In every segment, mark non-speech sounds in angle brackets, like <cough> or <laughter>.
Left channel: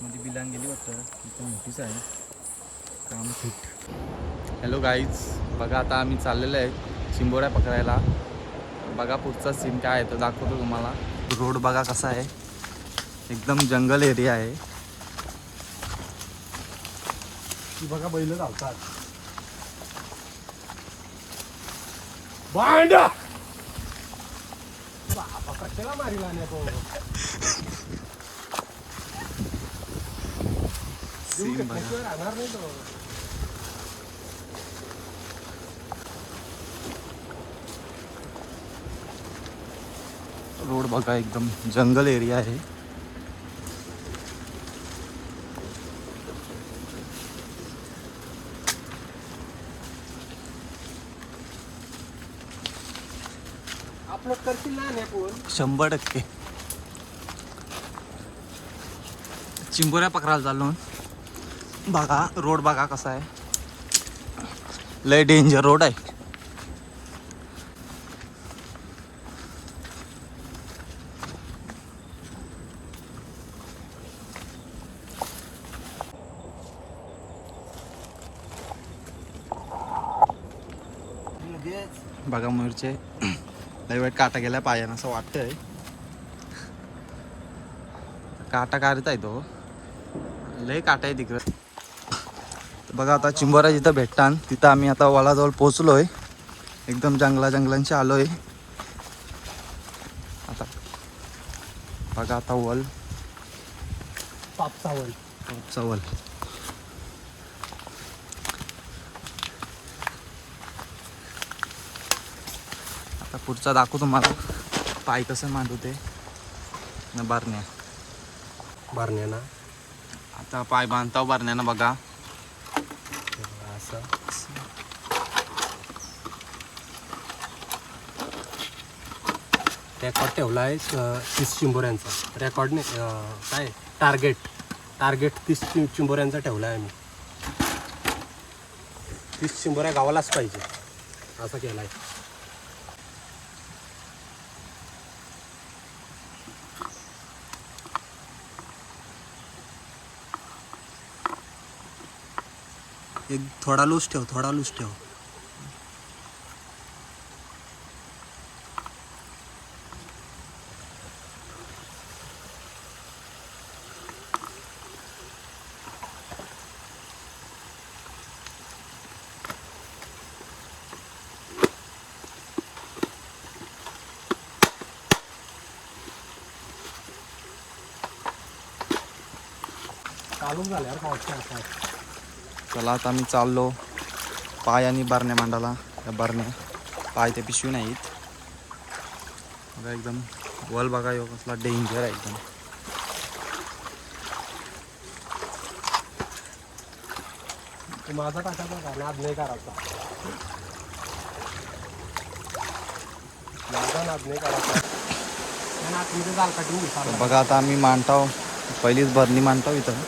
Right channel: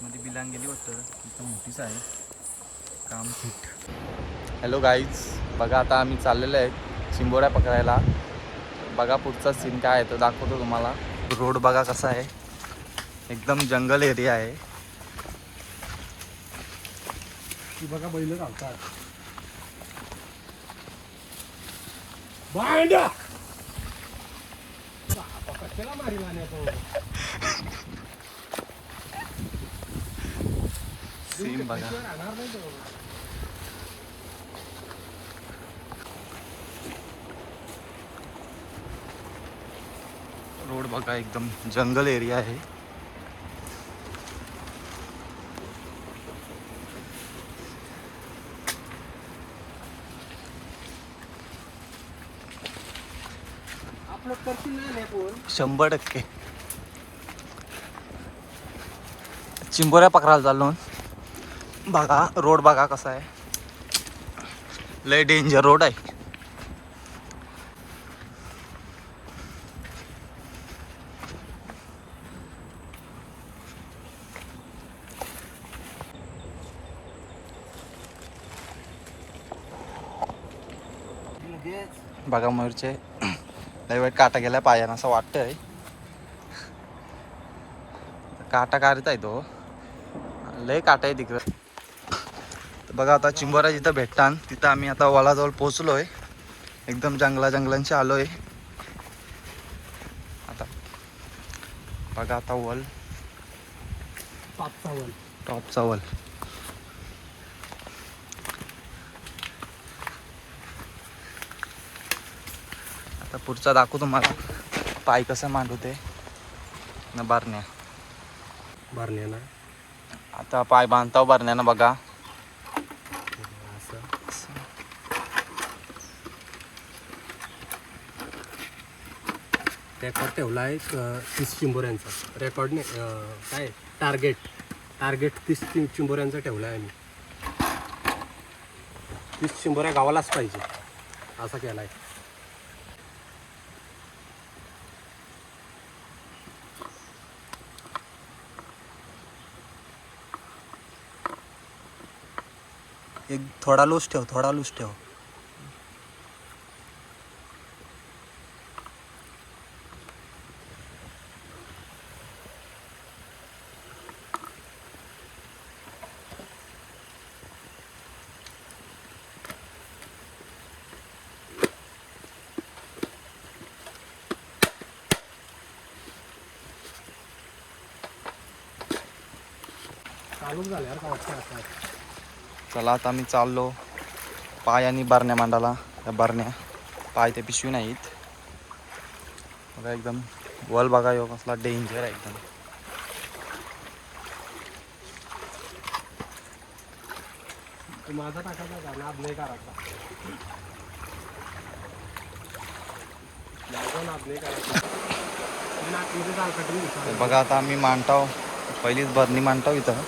आतमध्ये बिलांग गेली वाटतं. मोठीच आहे. काम फिट हॅलो गाईज बघा आता आम्ही चाललेलो आहे चिंबोऱ्या पकडायला. तर बघा पुढचा सीन काय आहे तो दाखवतो तुम्हाला. रोड बघा कसा आहे. एकदम जंगल एरिया आहे. ती बघा बैल धावतात भांडा बापा, कशाला <laughs> बघा. रोड बघा एकदम जंगल एरिया आहे. शंभर टक्के. चिंबोऱ्या पकडायला चाललो. बघा रोड बघा कसा आहे. लय डेंजर रोड आहे. बघा मयूरचे लय वेळ काटा गेला पायानं असं वाटतंय. काटा काढत आहे तो. लय काटा आहे तिकडं. बघा आता चिंबोरा जिथं भेटतान तिथं आम्ही आता वलाजवळ पोचलोय एकदम जंगला जंगलांशी आलोय. आता बघा आता वल. पापसावल टॉपचा वल. आता पुढचा दाखवू तुम्हाला. पाय कसं मांडवते न बारण्या. भरण्या ना आता पाय बांधताव बारण्यानं बघा असं रेकॉर्ड ठेवला आहे तीस चिंबोऱ्यांचा. रेकॉर्ड नाही काय? टार्गेट टार्गेट तीस चिंबोऱ्यांचा ठेवला आहे आम्ही. तीस चिंबोऱ्या गावालाच पाहिजे. असं केलं आहे एक थोडा लूज ठेव थोडा लूज ठेव. चालू आता आम्ही चाललो पाय आणि बारण्या मांडाला. त्या बारण्या पाय ते पिशवी नाहीत. बघा एकदम वल बघा यो कसला डेंजर आहे एकदम. माझा बघा आता आम्ही मांडताव पहिलीच भरणी मांडताव इथं.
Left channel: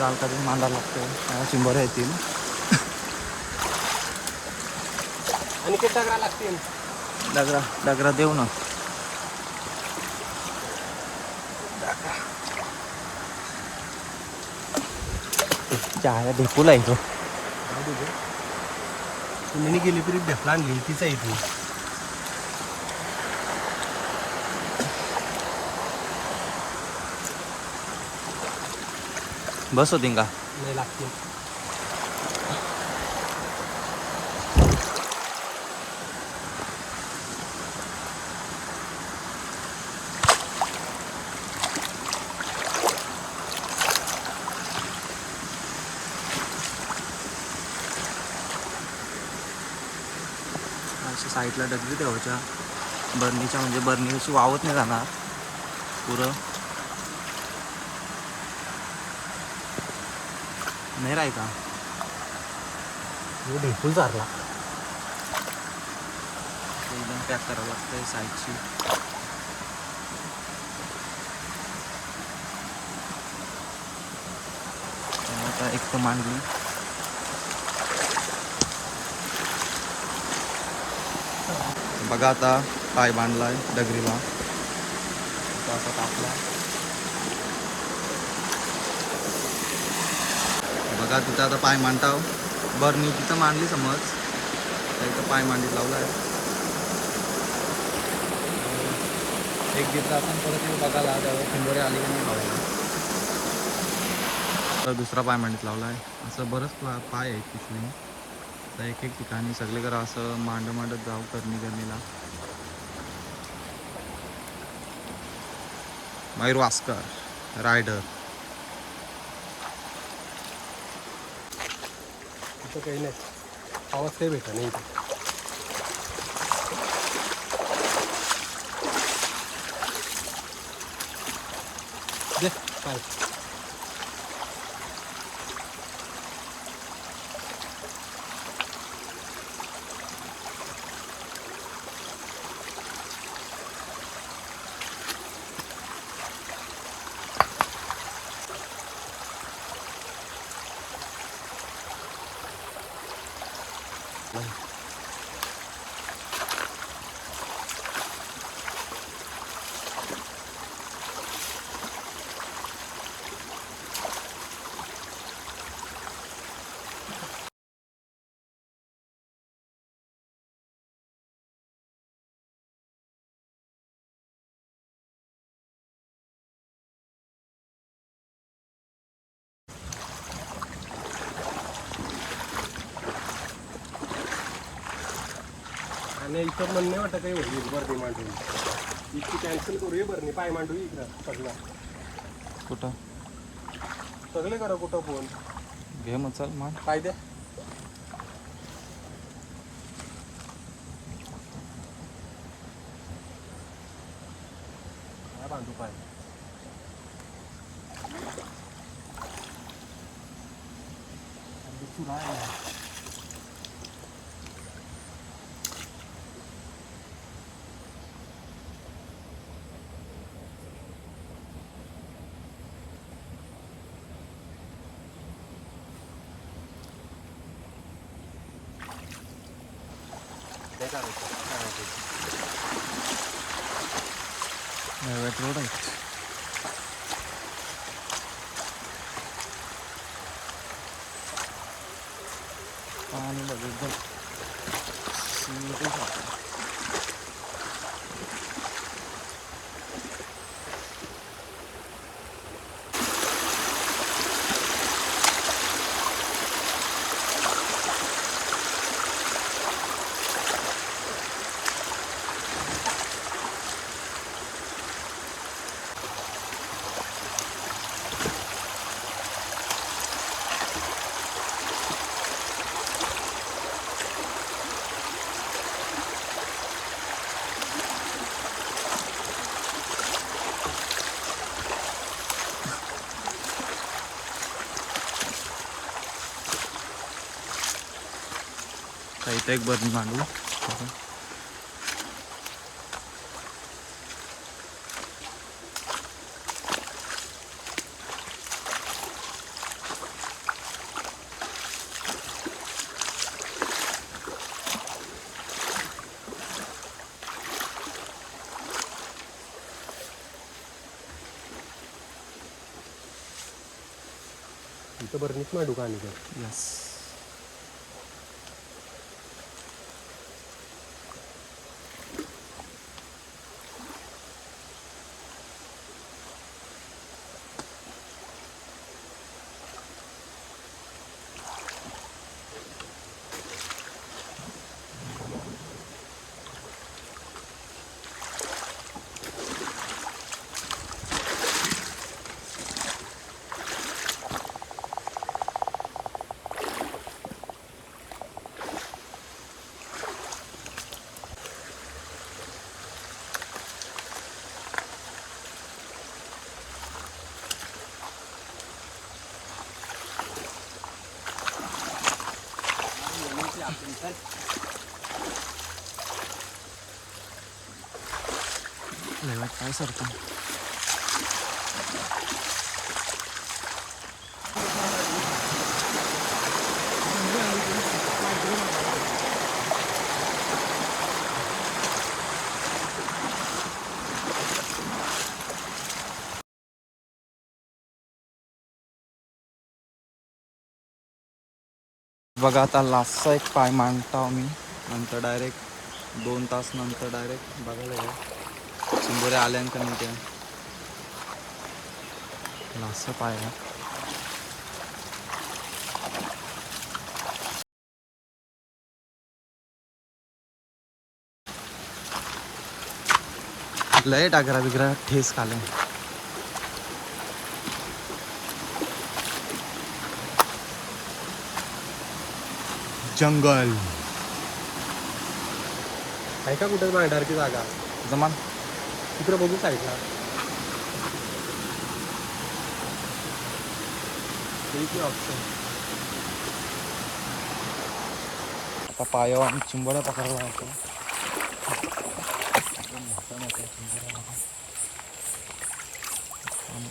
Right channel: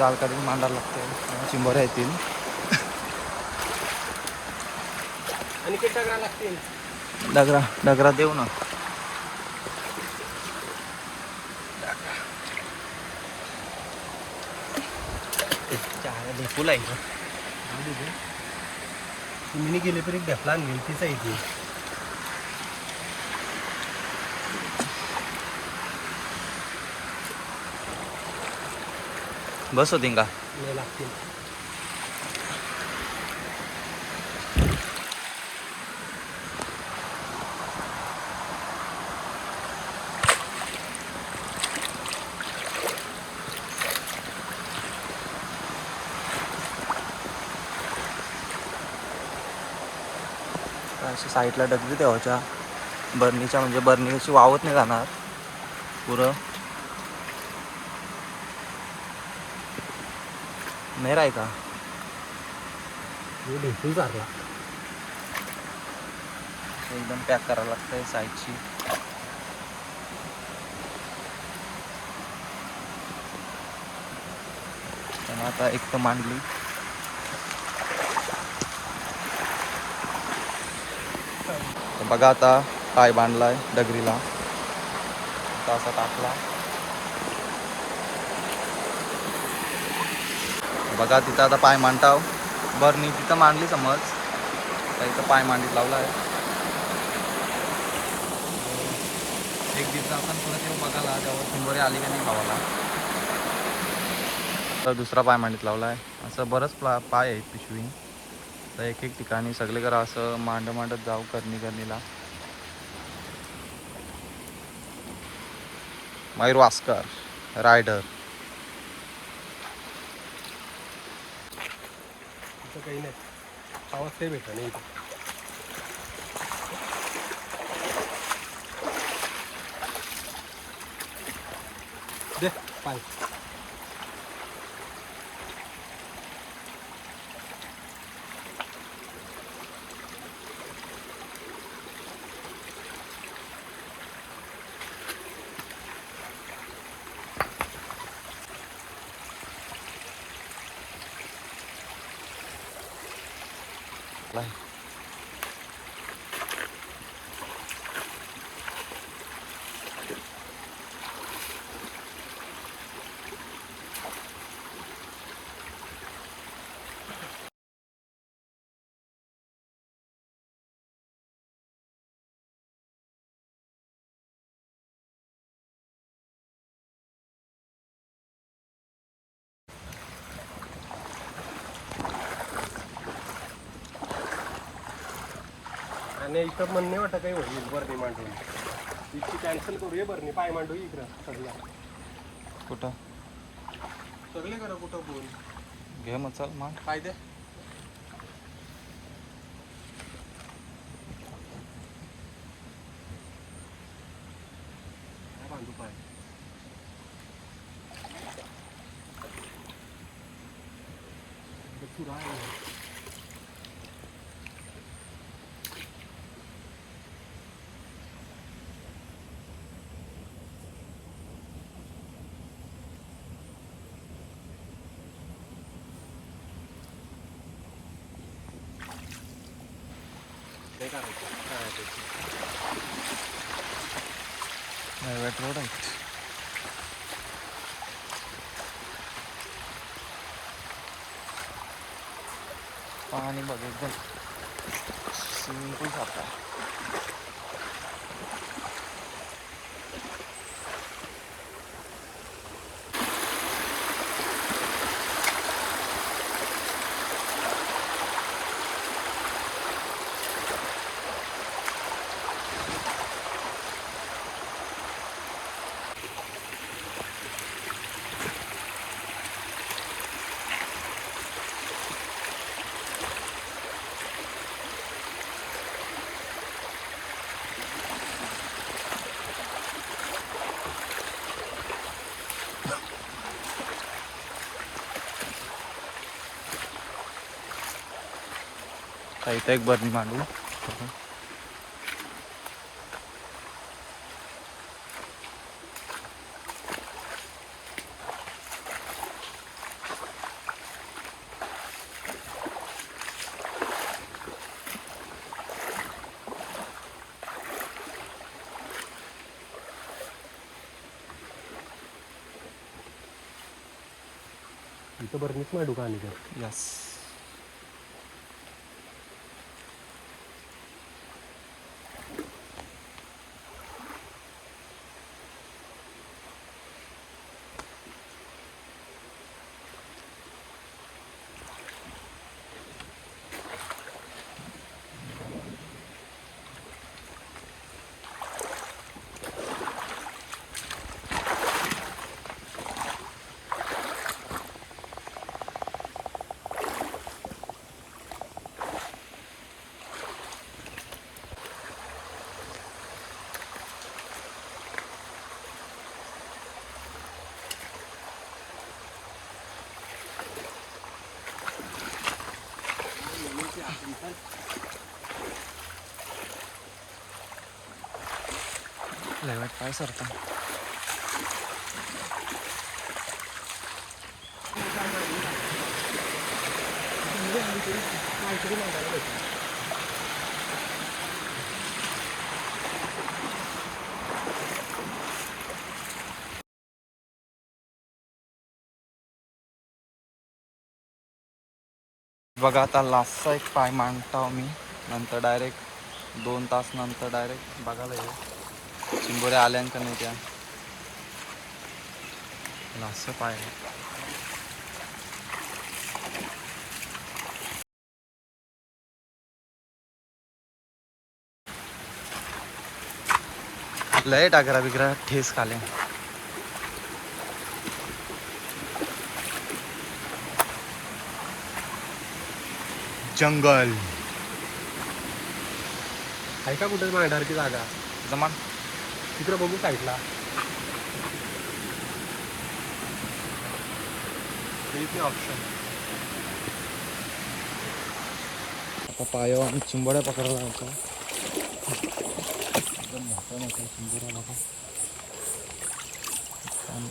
जाल काढून मांडायला लागतंय चिंबऱ्या येतील आणि ते टाका लागतील. डगरा डगरा देऊ ना. जागा ढेपूल आहे इथं. तुम्ही गेले तरी ढेपला आणली तिचा इथे बस होती का? नाही लागतील. अशी साईडला डगरी ठेवायच्या बर्नीच्या म्हणजे बर्नी कशी वावत नाही जाणार. पुरं. मेर आहे का? ढेपूल चारला एकदम पॅक करावं लागतंय साईडची आणि आता एक तर मांडली. बघा आता पाय बांधलाय डगरीला असा टाकला बघा तिथं आता पाय मांडताव. बरणी तिथं मांडली समज इथं पाय मांडीत लावला आहे एक दिवस आपण थोडी बघायला त्यावर चिंबोरी आली का नाही गावाला तर दुसरा पाय मांडीत लावला आहे असं बरंच पा पाय आहेत पिशवी. तर एक एक ठिकाणी सगळे करा असं मांड मांडत जाऊ करणी करणीला. मयूर वास्कर रायडर. तिथं काही नाही. आवाज काही भेटा नाही इथं. दे पाय. 来 आणि इथं म्हणणे वाटतं काही होईल बरणी मांडून. इतकी कॅन्सल करूया बरणी पाय मांडू इकडं सगळं. कुठं? सगळे करा कुठं फोन घे मग चल मग काय द्या बांधू पाय. चुरा आहे. हे करायचं. हा, ते. नैवेट रोड आहे पाणी बघ एकदम स्विमिंग पूल सारखं लय वाट पाय सरता बघा आता लास्टचा एक पाय मांडता मी नंतर डायरेक्ट दोन तास नंतर डायरेक्ट बघायला येईल चिंबोऱ्या आल्या का नाही त्या? लास्टचा पाय लय टाकरा बिकरा ठेस खाले. जंगल. आहे का कुठे मांडणार की जागा जमान तिकडे बघू साईडला ऑप्शन आता पायावर आम्ही चिंबोड्या पकडायला लागतो एकदम मोठ्या मोठ्या चिंबोऱ्या बघा. पाम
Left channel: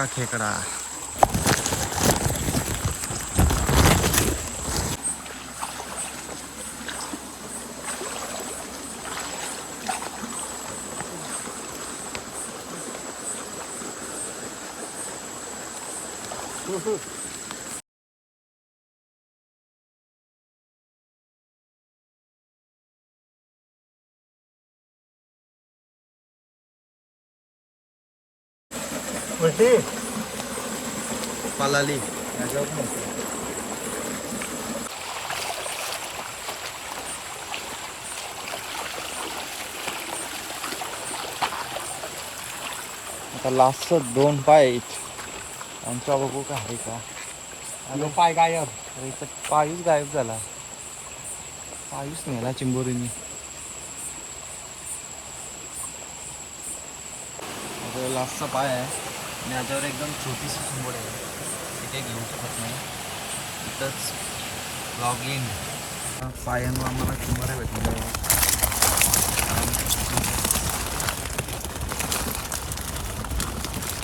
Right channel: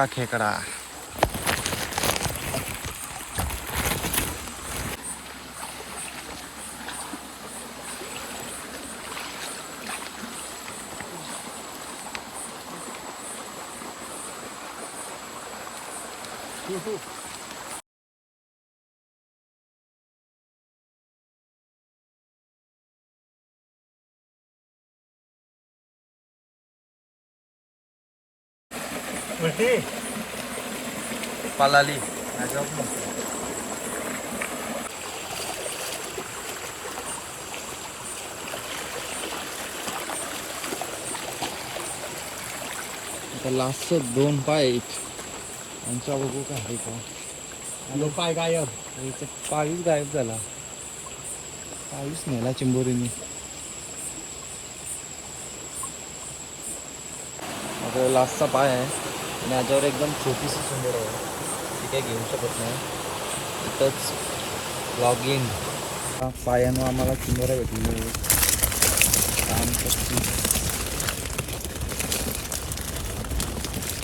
रात का खेकडा पालाली. आता लास्टचं दोन पाय आहेत. आमच्या बघू का आहे का. पाय गायब. इथं पायूच गायब झाला. पायूच नेला चिंबोरीने. आता लास्टचा पाय आहे. आणि याच्यावर एकदम छोटीशी सुंबड आहे. ती काही घेऊ शकत नाही. तिथंच लॉग इन पायानं आम्हाला चिंबोऱ्या भेटली.